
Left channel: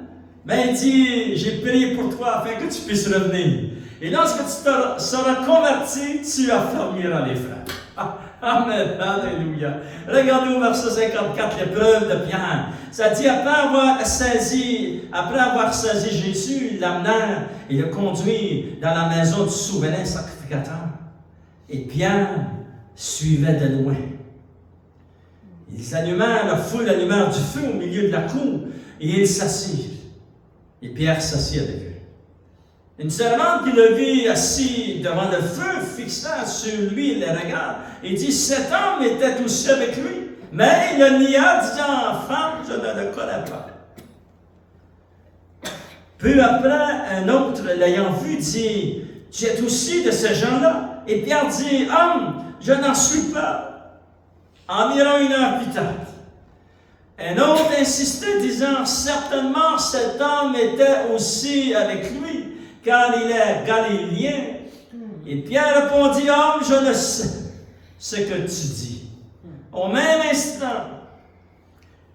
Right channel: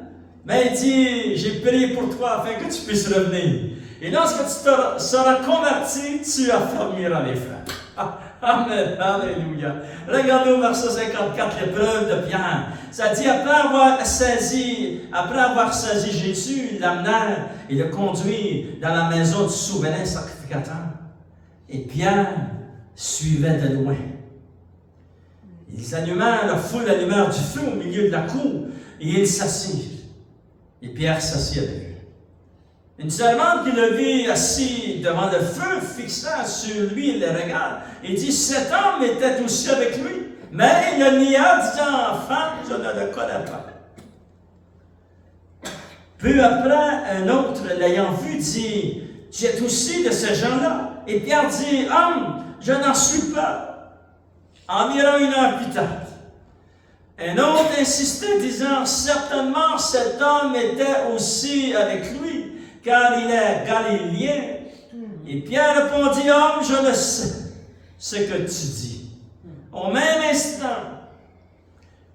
Mais il dit, j'ai prié pour toi afin que tu puisses revenir. Et lorsque tu te seras converti, tu affermiras les frères. Amen. Alléluia. Regardez au verset 54, l'épreuve de Pierre. Ça dit, après avoir saisi Jésus, il l'amenèrent et le conduit dans la maison du souverain sacrificateur. Et Pierre suivait de loin. Ils allumèrent, la foule allumèrent du feu au milieu de la cour et ils s'assirent. Et Pierre s'assit avec eux. Une servante qui le vit assis devant le feu, fixant sur lui les regards, et dit, cet homme était aussi avec lui. Mais il le nia, disant, femme, je ne le connais pas. Peu après, un autre, l'ayant vu, dit, tu es aussi de ces gens-là. Et Pierre dit, homme, je n'en suis pas. Environ 1 heure plus tard. Un autre insistait, disant, certainement cet homme était aussi avec lui, car il est galiléen. Et Pierre répondit, homme, je ne sais ce que tu dis. Au même instant,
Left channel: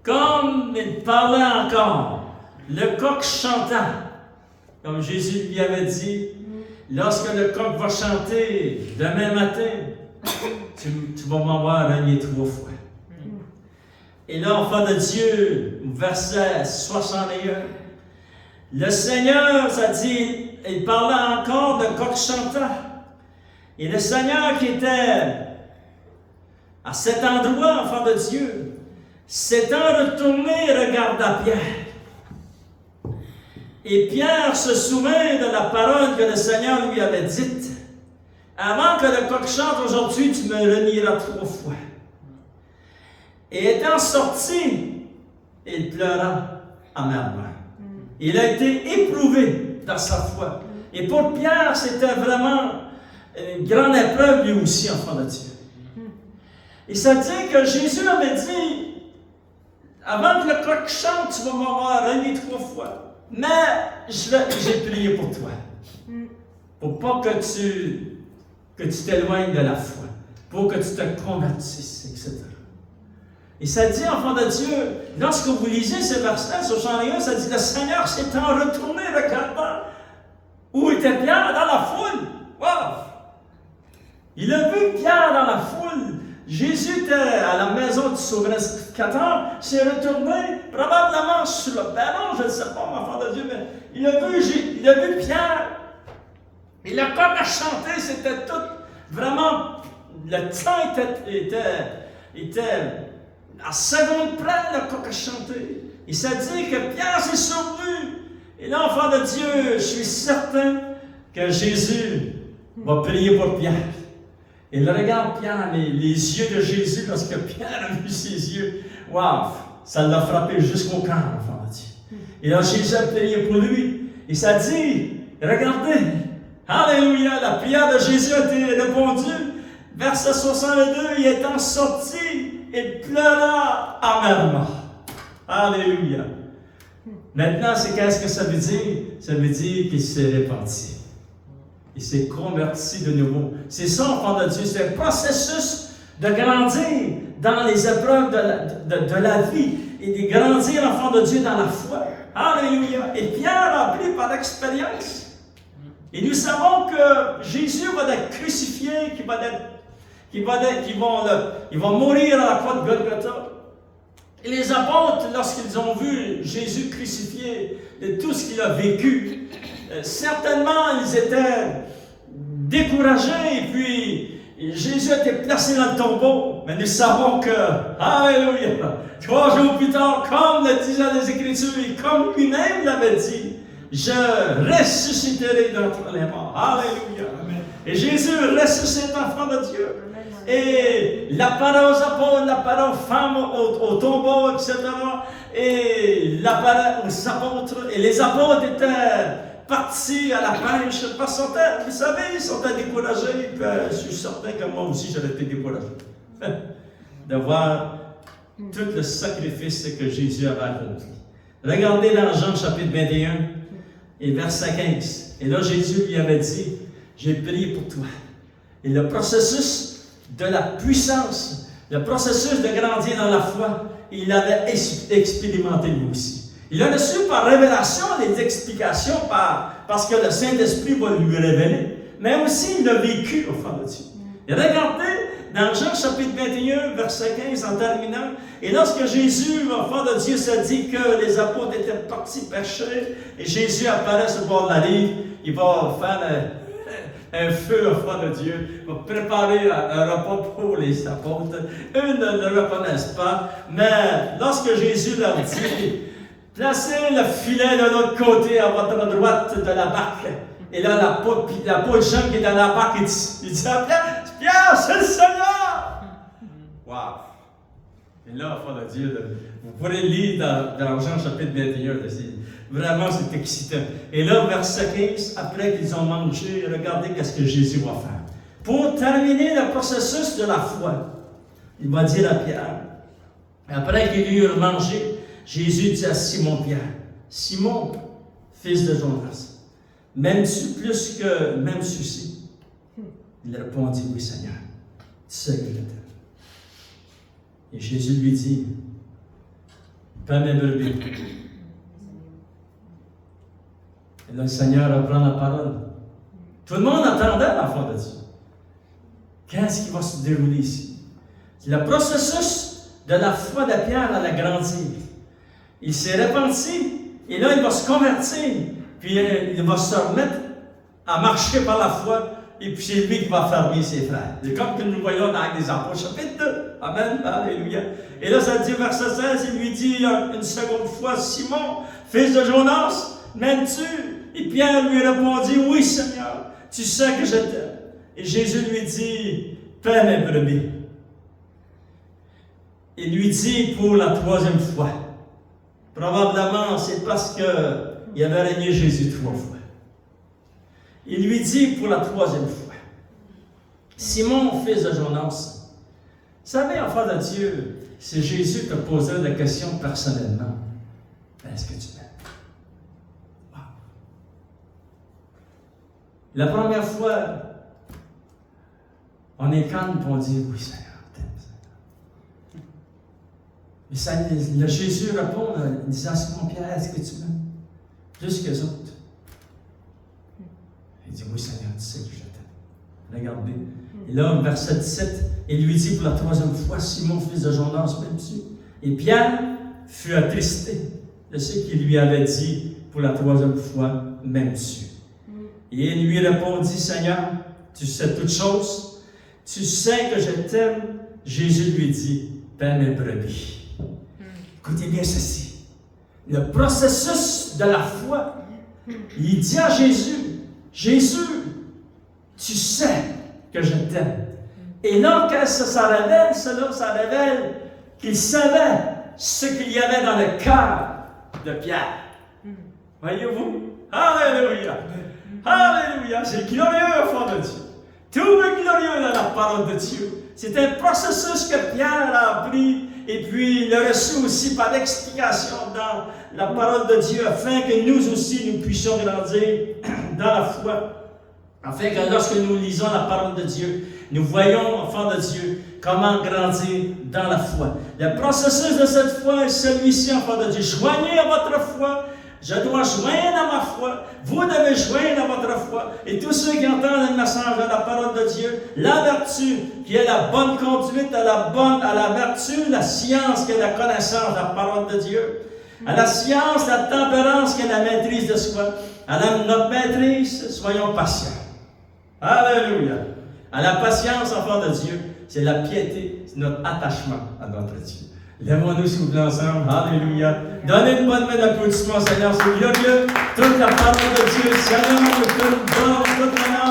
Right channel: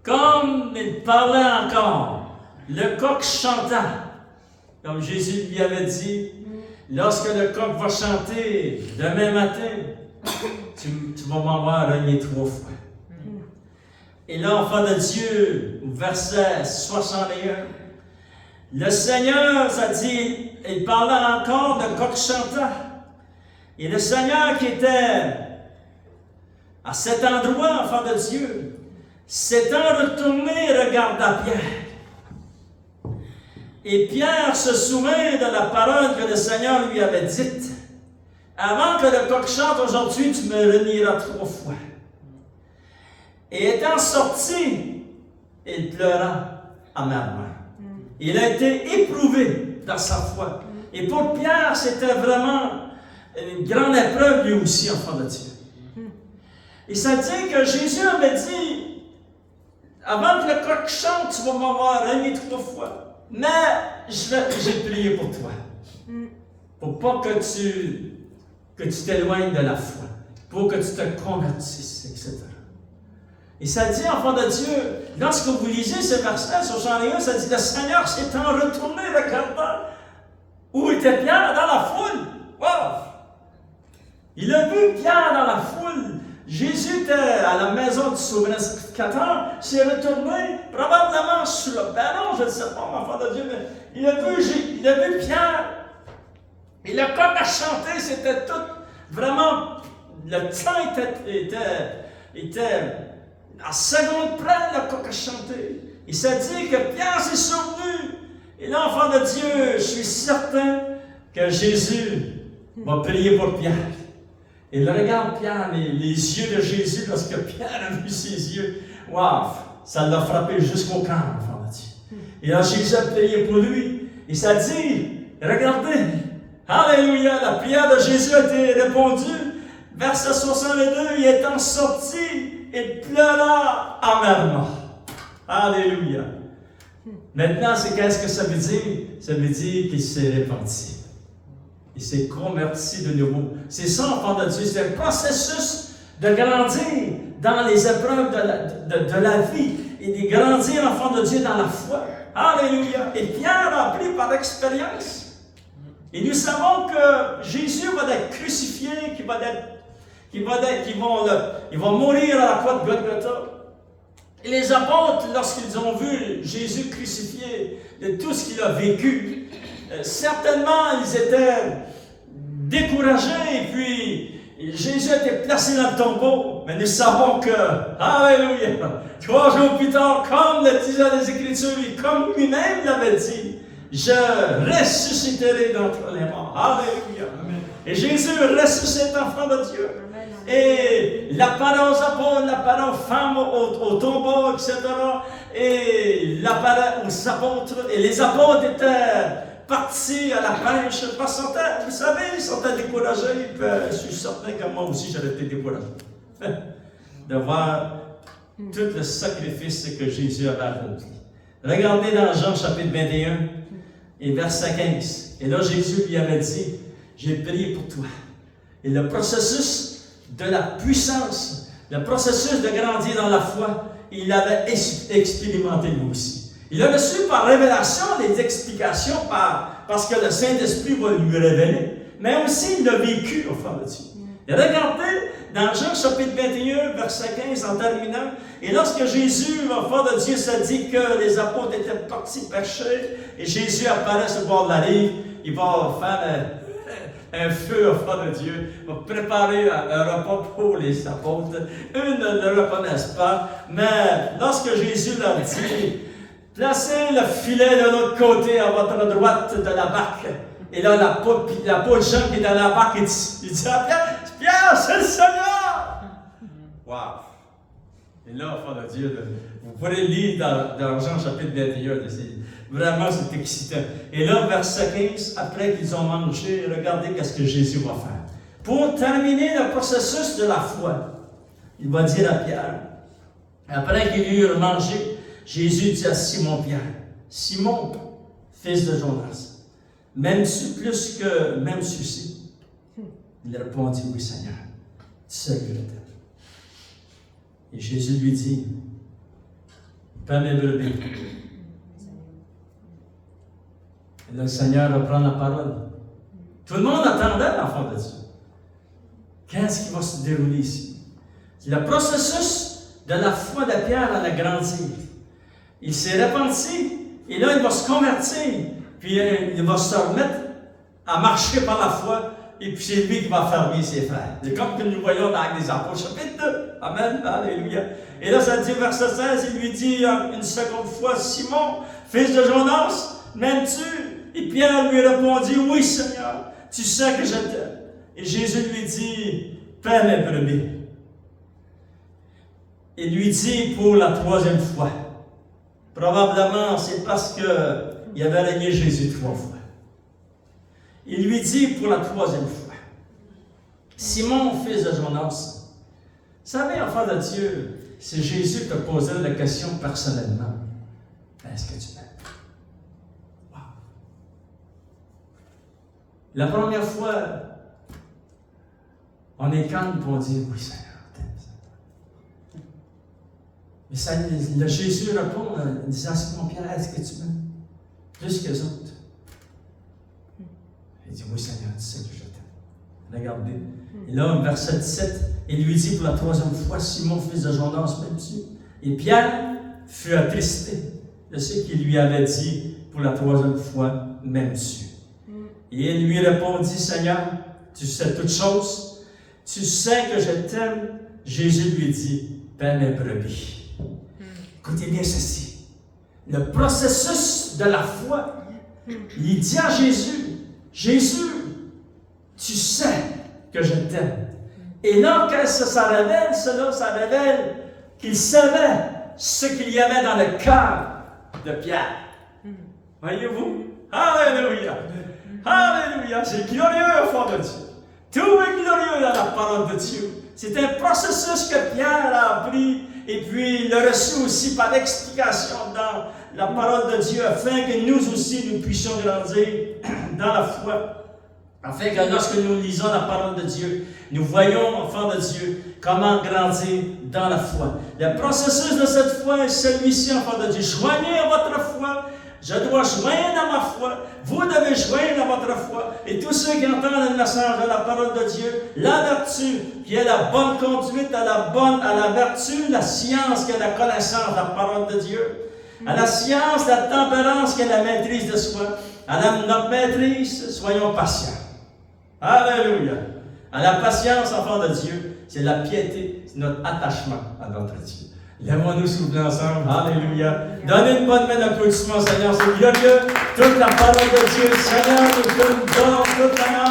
comme il parlait encore, le coq chanta, comme Jésus lui avait dit, lorsque le coq va chanter demain matin, tu vas m'en voir régner 3 fois. Et là, enfant de Dieu, verset 61, le Seigneur, ça dit, il parlait encore de coq chantant. Et le Seigneur qui était à cet endroit, enfant de Dieu, s'étant retourné, regarda Pierre. Et Pierre se souvint de la parole que le Seigneur lui avait dite. Avant que le coq chante aujourd'hui, tu me renieras 3 fois. Et étant sorti, il pleura amèrement. Il a été éprouvé dans sa foi. Et pour Pierre, c'était vraiment une grande épreuve lui aussi, enfant de Dieu. Et ça dit que Jésus avait dit, avant que le coq chante, tu vas m'avoir régné 3 fois. Mais j'ai prié pour toi. Pour pas que tu t'éloignes de la foi. Pour que tu te convertisses, etc. Et ça dit, enfant de Dieu, lorsque vous lisez ce verset, 61, ça dit, le Seigneur s'étant retourné, regardant où était Pierre dans la foule. Wow! Il a vu Pierre dans la foule. Jésus était à la maison du souverain sacrificateur, s'est retourné, probablement sur le perron, je ne sais pas, enfant de Dieu, mais il a vu Pierre Et le coq a chanté, c'était tout, vraiment, le temps était à seconde près, le coq a chanté. Il s'est dit que Pierre s'est souvenu. Et l'enfant de Dieu, je suis certain que Jésus va prier pour Pierre. Il regarde Pierre, les yeux de Jésus, lorsque Pierre a vu ses yeux. Waouh! Ça l'a frappé jusqu'au cœur, l'enfant de Dieu. Et là, Jésus a prié pour lui. Il s'est dit, regardez, alléluia, la prière de Jésus a été répondue. Verset 62, il étant sorti, il pleura amèrement. Alléluia. Maintenant, qu'est-ce que ça veut dire? Ça veut dire qu'il s'est repenti. Il s'est converti de nouveau. C'est ça, enfant de Dieu. C'est un processus de grandir dans les épreuves de la vie et de grandir, enfant de Dieu, dans la foi. Alléluia. Et Pierre a appris par expérience. Et nous savons que Jésus va être crucifié, qu'il va mourir à la croix de Golgotha. Et les apôtres, lorsqu'ils ont vu Jésus crucifié, de tout ce qu'il a vécu, certainement ils étaient découragés et puis Jésus a été placé dans le tombeau. Mais nous savons que, alléluia, 3 jours plus tard, comme le disaient les Écritures et comme lui-même l'avait dit, je ressusciterai d'entre les morts. Alléluia. Et Jésus ressuscite enfant de Dieu. Et la parole aux apôtres, la parole aux femmes au tombeau, etc. Et la parole aux apôtres. Et les apôtres étaient partis à la pêche parce qu'ils vous savez, ils sont découragés. Je suis certain que moi aussi j'aurais été découragé de voir tout le sacrifice que Jésus avait accompli. Regardez dans Jean chapitre 21 et verset 15. Et là, Jésus lui avait dit, j'ai prié pour toi. Et le processus de la puissance, le processus de grandir dans la foi, il l'avait expérimenté lui aussi. Il a reçu par révélation les explications parce que le Saint-Esprit va lui révéler, mais aussi il l'a vécu au fond de Dieu. Et regardez dans Jean chapitre 21, verset 15 en terminant, et lorsque Jésus, enfant de Dieu, s'est dit que les apôtres étaient partis pêcher, et Jésus apparaît sur le bord de la rive, il va faire un feu au fond de Dieu, va préparer un repas pour les apôtres. Eux ne le reconnaissent pas, mais lorsque Jésus leur dit, placez le filet de l'autre côté à votre droite de la barque, et là, la peau de Jean qui est dans la barque, il dit à Pierre, Pierre, c'est le Seigneur! Wow! Et là, enfant de Dieu, vous pourrez lire dans Jean chapitre 21, vraiment, c'est excitant. Et là, verset 15, après qu'ils ont mangé, regardez qu'est-ce que Jésus va faire. Pour terminer le processus de la foi, il va dire à Pierre, après qu'ils eurent mangé, Jésus dit à Simon-Pierre, Simon, fils de Jonas, m'aimes-tu plus que même ceci? Il répondit, oui Seigneur, tu sais que je t'aime. Et Jésus lui dit, paie mes brebis. Et là, le Seigneur reprend la parole. Tout le monde attendait l'enfant de Dieu. Qu'est-ce qui va se dérouler ici? Le processus de la foi de Pierre allait grandir. Il s'est repenti, et là, il va se convertir, puis il va se remettre à marcher par la foi, et puis c'est lui qui va fermer ses frères. C'est comme que nous voyons dans les Apôtres, chapitre 2. Amen, alléluia. Et là, ça dit, verset 16, il lui dit une seconde fois, Simon, fils de Jonas, m'aimes-tu? Et Pierre lui répondit, oui Seigneur, tu sais que je t'aime. Et Jésus lui dit, paie mes brebis. Il lui dit pour la 3e fois. Probablement, c'est parce qu'il avait régné Jésus 3 fois. Il lui dit pour la 3e fois, Simon, fils de Jonas, vous savez, enfant de Dieu, si Jésus te posait la question personnellement, est-ce que tu m'aimes? Wow. La première fois, on est calme pour dire oui, Seigneur, t'aimes. Mais Jésus répond en disant à Simon Pierre, est-ce que tu m'aimes? Plus que les autres. Il dit, oui Seigneur, tu sais que je t'aime. Regardez. Et là, verset 17, il lui dit pour la 3e fois, Simon, fils de Jonas, m'aimes-tu? Et Pierre fut attristé de ce qu'il lui avait dit pour la 3e fois, m'aimes-tu? Et il lui répondit, Seigneur, tu sais toutes choses, tu sais que je t'aime. Jésus lui dit, paie mes brebis. Écoutez bien ceci. Le processus de la foi, il dit à Jésus, Jésus, tu sais que je t'aime. Et là, quand ça révèle, ça révèle qu'il savait ce qu'il y avait dans le cœur de Pierre. Voyez-vous? Alléluia! Alléluia! C'est glorieux au fond de Dieu. Tout est glorieux dans la parole de Dieu. C'est un processus que Pierre a appris et puis il l'a reçu aussi par l'explication dans la parole de Dieu afin que nous aussi nous puissions grandir dans la foi. Afin que lorsque nous lisons la parole de Dieu, nous voyons, enfants de Dieu, comment grandir dans la foi. Le processus de cette foi est celui-ci, enfants de Dieu. Joignez à votre foi. Je dois joindre à ma foi. Vous devez joindre à votre foi. Et tous ceux qui entendent le message de la parole de Dieu, la vertu qui est la bonne conduite, à la vertu, la science qui est la connaissance de la parole de Dieu, à la science, la tempérance qui est la maîtrise de soi, à notre maîtrise, soyons patients. Alléluia. À la patience, enfant de Dieu, c'est la piété, c'est notre attachement à notre Dieu. Lèvons-nous souffler ensemble. Alléluia. Donnez une bonne main d'applaudissement, Seigneur. C'est glorieux. Toute la parole de Dieu, Seigneur, toute bonne, toute l'honneur,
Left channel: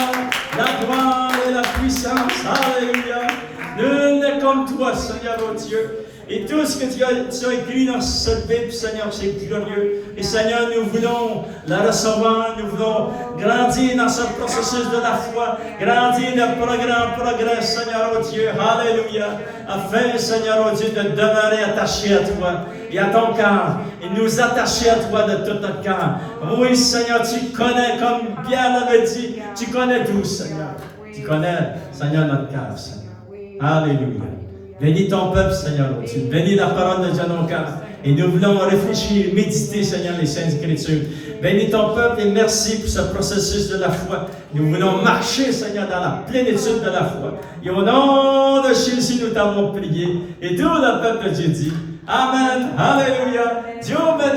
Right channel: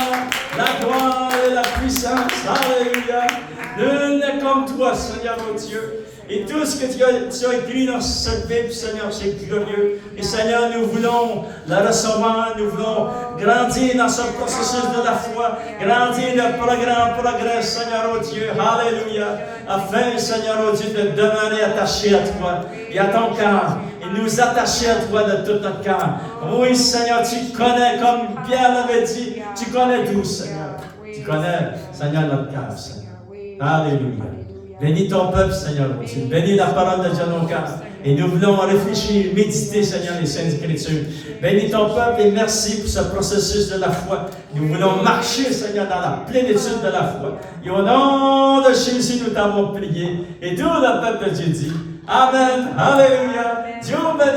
la gloire et la puissance. Alléluia. Nul n'est comme toi, Seigneur, oh Dieu. Et tout ce que tu as écrit dans cette Bible, Seigneur, c'est glorieux. Et Seigneur, nous voulons la recevoir, nous voulons grandir dans ce processus de la foi, grandir de progrès en progrès, Seigneur, oh Dieu. Alléluia. Afin, Seigneur, oh Dieu, de demeurer attaché à toi et à ton cœur, et nous attacher à toi de tout notre cœur. Oui, Seigneur, tu connais, comme Pierre l'avait dit, tu connais tout, Seigneur. Tu connais, Seigneur, notre cœur, Seigneur. Alléluia. Bénis ton peuple, Seigneur, mon Dieu. Bénis la parole de Dieu dans nos cœurs. Et nous voulons réfléchir, méditer, Seigneur, les Saintes Écritures. Bénis ton peuple et merci pour ce processus de la foi. Nous voulons marcher, Seigneur, dans la plénitude de la foi. Et au nom de Jésus, nous t'avons prié. Et tout le peuple de Dieu dit, Amen. Alléluia. Dieu bénisse.